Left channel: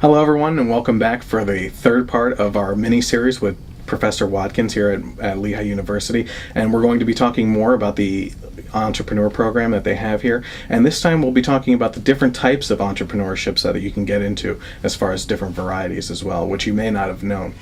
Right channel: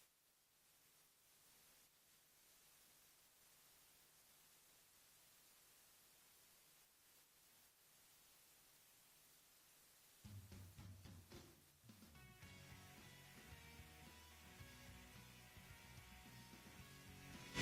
Hello, everyone, and welcome back for the third part of our mini-series with Professor Watkins here at Lehigh University. And we're going to be talking more about the entrepreneur program that they have here. And this time we'll be talking about the different types of entrepreneurships that you can get into, as far as different varieties as well, which you may not have known.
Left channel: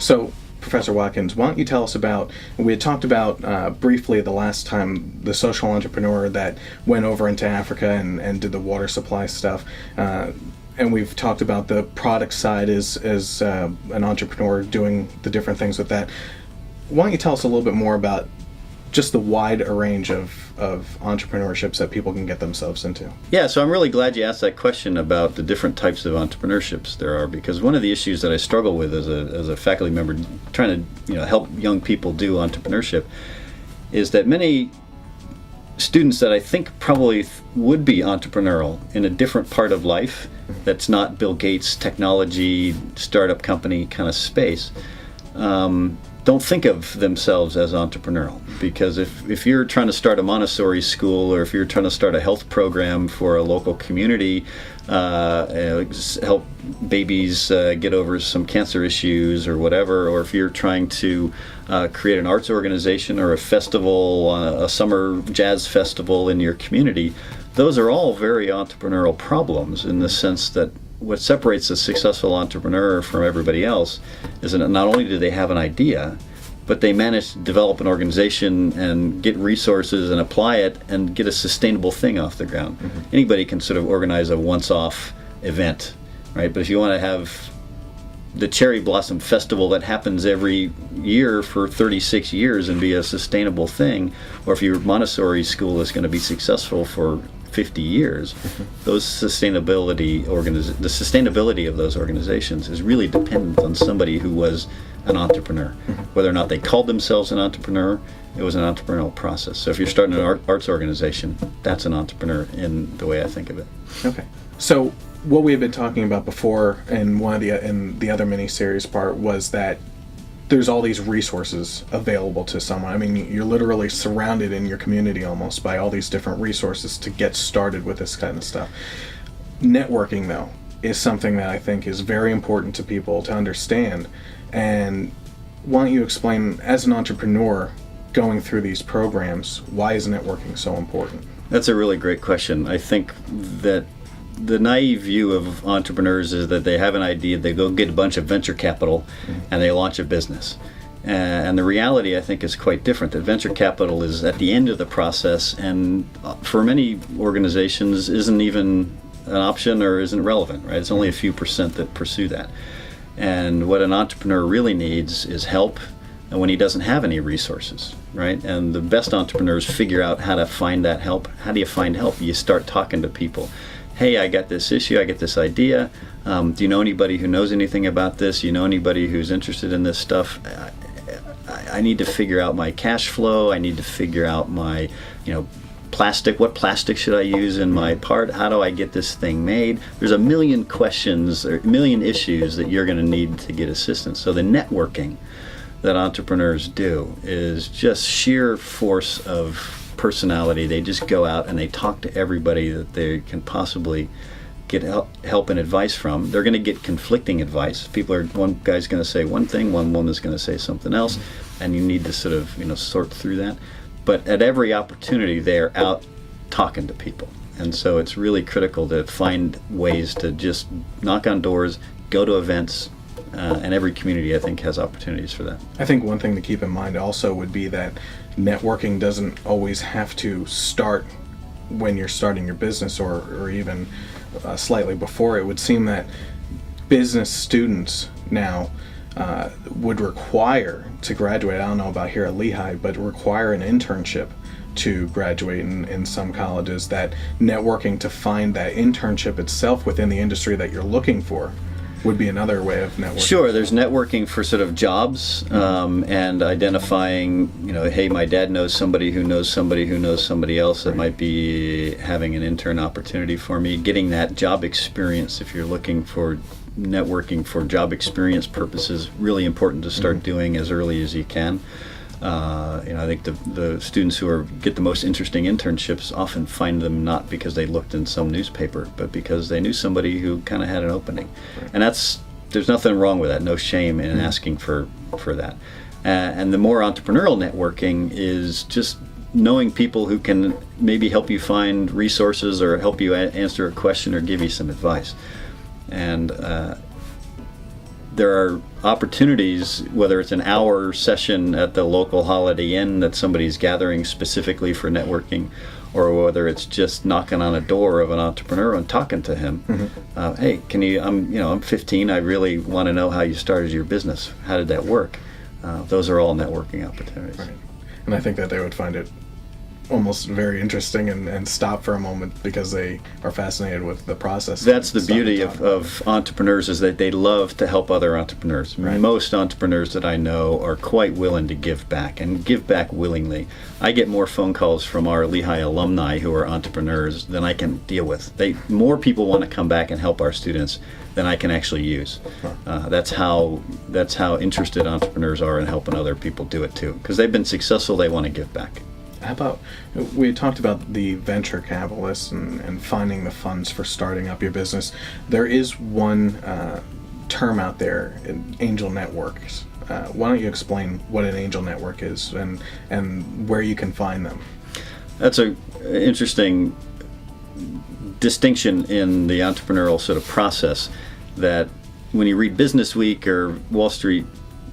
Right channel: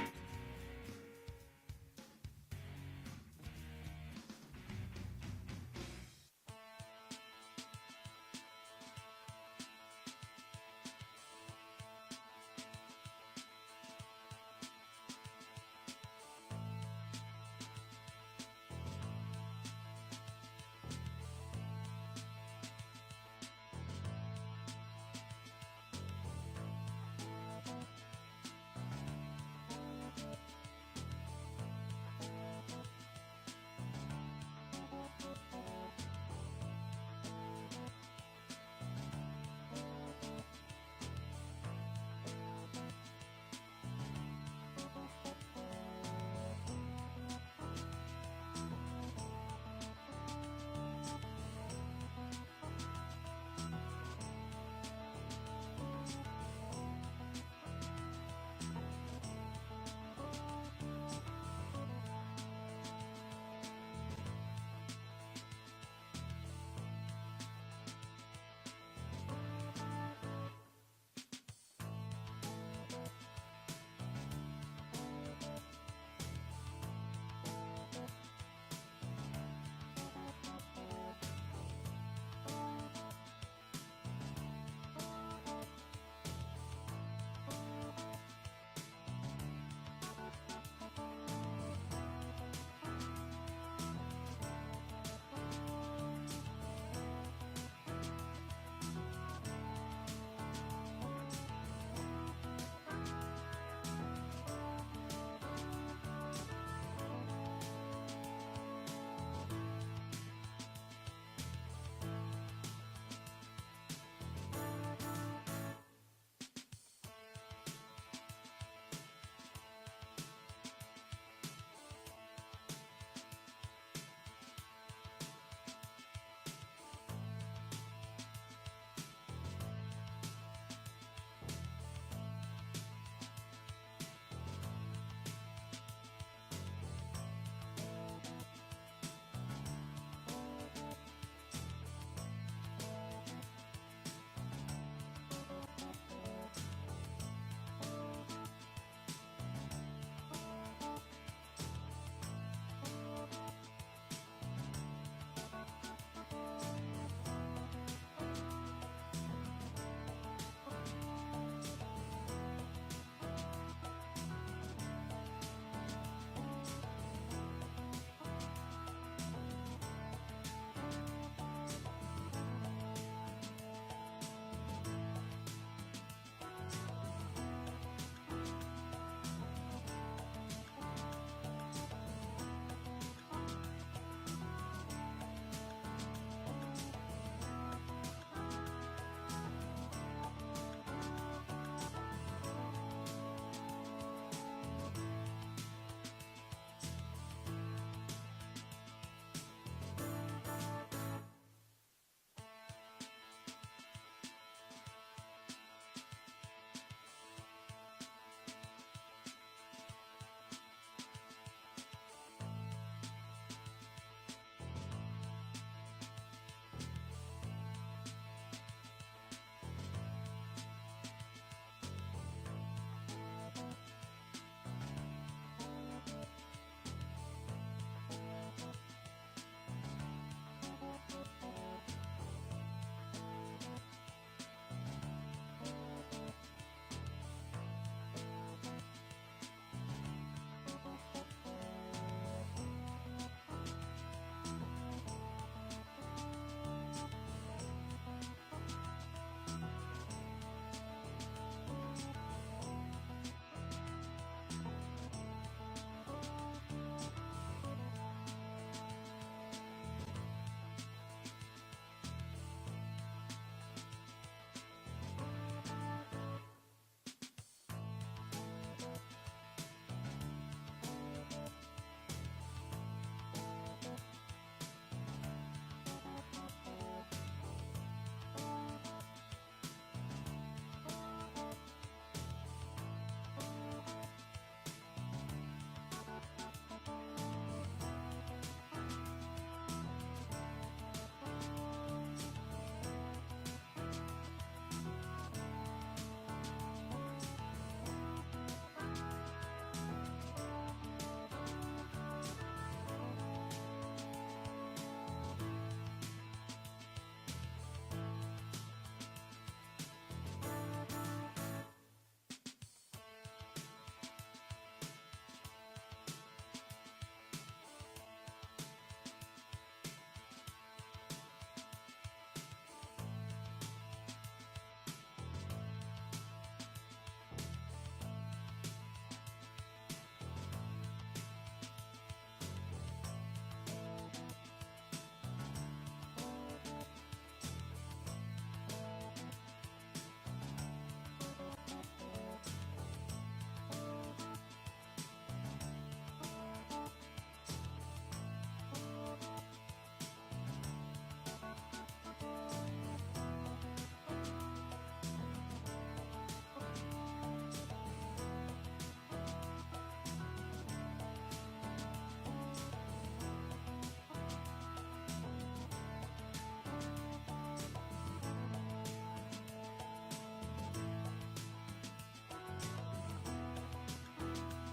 So, Professor Watkins, why don't you tell us about, we had talked about briefly the last time, the social entrepreneur that went over into Africa and did the water supply stuff, and we've talked about the product side as an entrepreneur doing the different things with that. Why don't you tell us a little bit more about just the wide range of entrepreneurships that people can get themselves into? Yeah, so I'm really glad you asked that question about the different types of entrepreneurships there are, because one of the issues that I struggle with as a faculty member trying to help young people do entrepreneurship is that many students that I think probably would be entrepreneurial in a different part of life that's not Bill Gates technology startup company kind of space don't think of themselves as entrepreneurial, because if you're trying to start a Montessori school, or if you're trying to start a health program for a local community, help babies get over some cancer issues or whatever, or if you're trying to create an arts organization or a festival, a summer jazz festival in your community, those are all very entrepreneurial problems, in the sense that what separates a successful entrepreneur from everybody else is that not only do they have an idea, but they manage to develop an organization and get resources and apply it and get a sustainable thing off the ground. Mm-hmm. Anybody can sort of organize a once-off event, right? But if you want to have the Cherry Blossom Festival that happens every year for 36 years and be a sustainable thing, or if your Montessori school is going to be successful for 50 years, the sustainability of those organizations is really dependent on somebody who was an entrepreneur. Whether or not they called themselves an entrepreneur, it was an entrepreneurial process. So if you're starting an arts organization, that's an entrepreneur in the way I think of it. Okay. So what we had been talking about before in the other mini-series part was that there's all these resources available to someone. I mean, you're literally surrounded in your community almost by all these different resources to get started with this kind of stuff. Networking, though, is something that I think is very important to people to understand. And why don't you explain, as an entrepreneur going through these programs, why is networking so important? That's a really great question. I think that the naive view of entrepreneurs is that they have an idea, they go get a bunch of venture capital, and they launch a business. And the reality, I think, is quite different. That venture capital is at the end of the process, and for many organizations isn't even an option or isn't relevant, right? It's only a few percent that pursue that. And what an entrepreneur really needs is help, and when he doesn't have any resources, right? And the best entrepreneurs figure out how to find that help. How do you find help? You start talking to people. Hey, I got this issue, I get this idea. Do you know anybody who knows anything about this? You know anybody who's interested in this stuff? I need to figure out my cash flow. I need to figure out my, plastic. What plastic should I use in my part? How do I get this thing made? There's a million questions, or a million issues that you're going to need to get assistance. So the networking that entrepreneurs do is just sheer force of personality. They just go out and they talk to everybody that they can possibly get help and advice from. They're going to get conflicting advice. One guy's going to say one thing, one woman's going to say something else, and you need to sort of sort through that. But at every opportunity, they're out talking to people, and so it's really critical to find ways to just knock on doors, go to events. And every community, I think, has opportunities for that. I think one thing to keep in mind also would be that networking doesn't always have to start when you're starting your business, or even slightly before. It would seem that business students now would require to graduate, I don't know about here at Lehigh, but require an internship to graduate in some colleges. That networking to find that internship itself within the industry that you're looking for would be another way of networking. Sure, there's networking for sort of jobs, and identifying, hey, my dad knows somebody who knows somebody who knows somebody else that might be having an intern opportunity for me. Getting that job experience, if you're looking for networking for job experience purposes, really important to start doing as early as you can. I think the students who get the most interesting internships often find them not because they looked in some newspaper, but because they knew somebody who kind of had an opening. And there's nothing wrong with that, no shame in asking for that. And the more entrepreneurial networking is just knowing people who can maybe help you find resources or help you answer a question or give you some advice. And there are opportunities, whether it's an hour session at the local Holiday Inn that somebody's gathering specifically for networking, or whether it's just knocking on a door of an entrepreneur and talking to him. Hey, I'm 15, I really want to know how you started your business. How did that work? Those are all networking opportunities. Right. And I think that they would find it almost very interesting and stop for a moment because they are fascinated with the process. That's the beauty of entrepreneurs, is that they love to help other entrepreneurs. Right. Most entrepreneurs that I know are quite willing to give back, and give back willingly. I get more phone calls from our Lehigh alumni who are entrepreneurs than I can deal with. More people want to come back and help our students than I can actually use. That's how interested entrepreneurs are in helping other people do it too. Because they've been successful, they want to give back. How about, we talked about the venture capitalists and finding the funds for starting up your business. There is one term out there, angel networks. Why don't you explain what an angel network is and where you can find them? That's an interesting distinction in the entrepreneurial sort of process, that when you read Business Week or Wall Street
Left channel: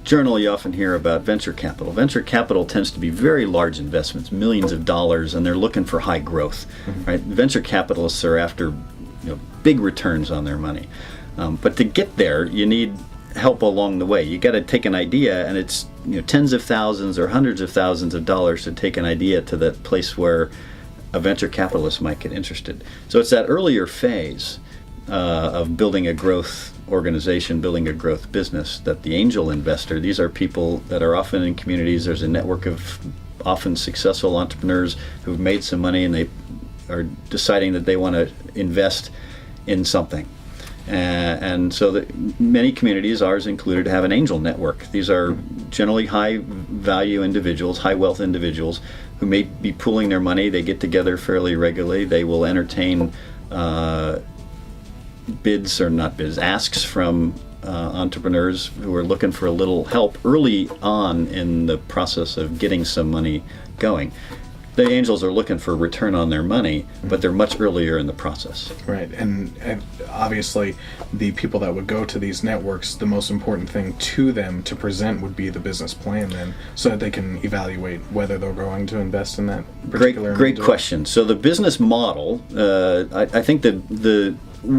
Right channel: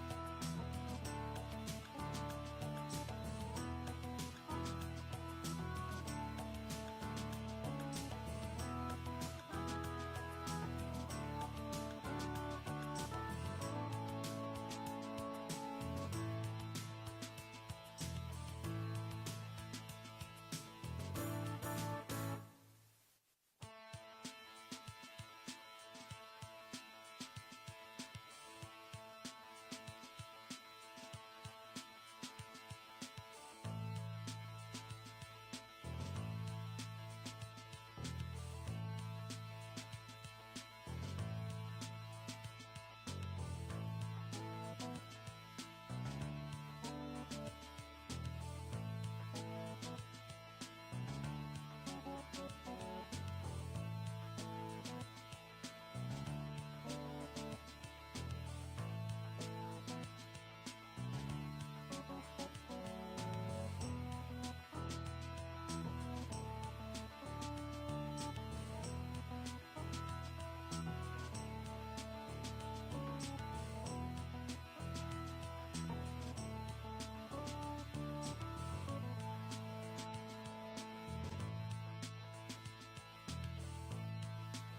Journal, you often hear about venture capital. Venture capital tends to be very large investments, millions of dollars, and they're looking for high growth. Right? Venture capitalists are after big returns on their money. But to get there, you need help along the way. You got to take an idea, and it's tens of thousands or hundreds of thousands of dollars to take an idea to that place where a venture capitalist might get interested. So it's that earlier phase of building a growth organization, building a growth business, that the angel investor, these are people that are often in communities. There's a network of often successful entrepreneurs who've made some money, and they are deciding that they want to invest in something. And so that many communities, ours included, have an angel network. These are generally high value individuals, high wealth individuals who may be pooling their money. They get together fairly regularly. They will entertain asks from entrepreneurs who are looking for a little help early on in the process of getting some money going. The angels are looking for a return on their money, but they're much earlier in the process. Right, and obviously the people that would go to these networks, the most important thing to them to present would be the business plan then, so that they can evaluate whether they're going to invest in that particular Great question. So the business model, I think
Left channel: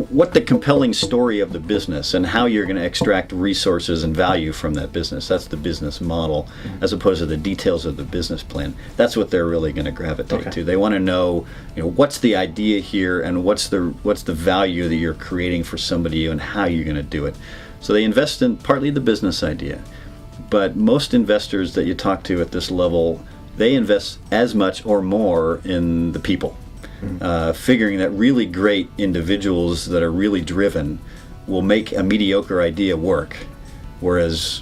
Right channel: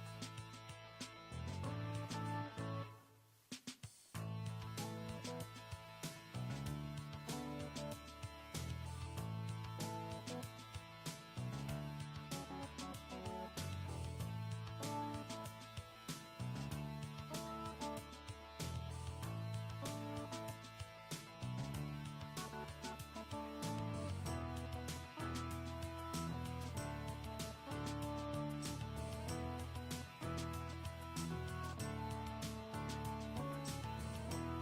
what the compelling story of the business and how you're going to extract resources and value from that business, that's the business model, as opposed to the details of the business plan. That's what they're really going to gravitate to. They want to know, what's the idea here, and what's the value that you're creating for somebody, and how you're going to do it. So they invest in partly the business idea, but most investors that you talk to at this level, they invest as much or more in the people. Figuring that really great individuals that are really driven will make a mediocre idea work, whereas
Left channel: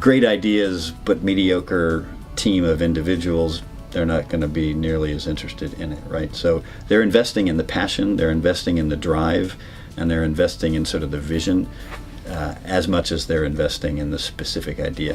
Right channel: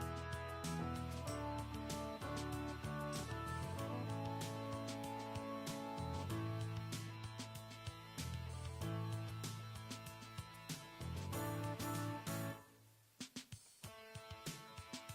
great ideas but mediocre team of individuals, they're not going to be nearly as interested in it, right? So they're investing in the passion, they're investing in the drive, and they're investing in sort of the vision as much as they're investing in the specific idea.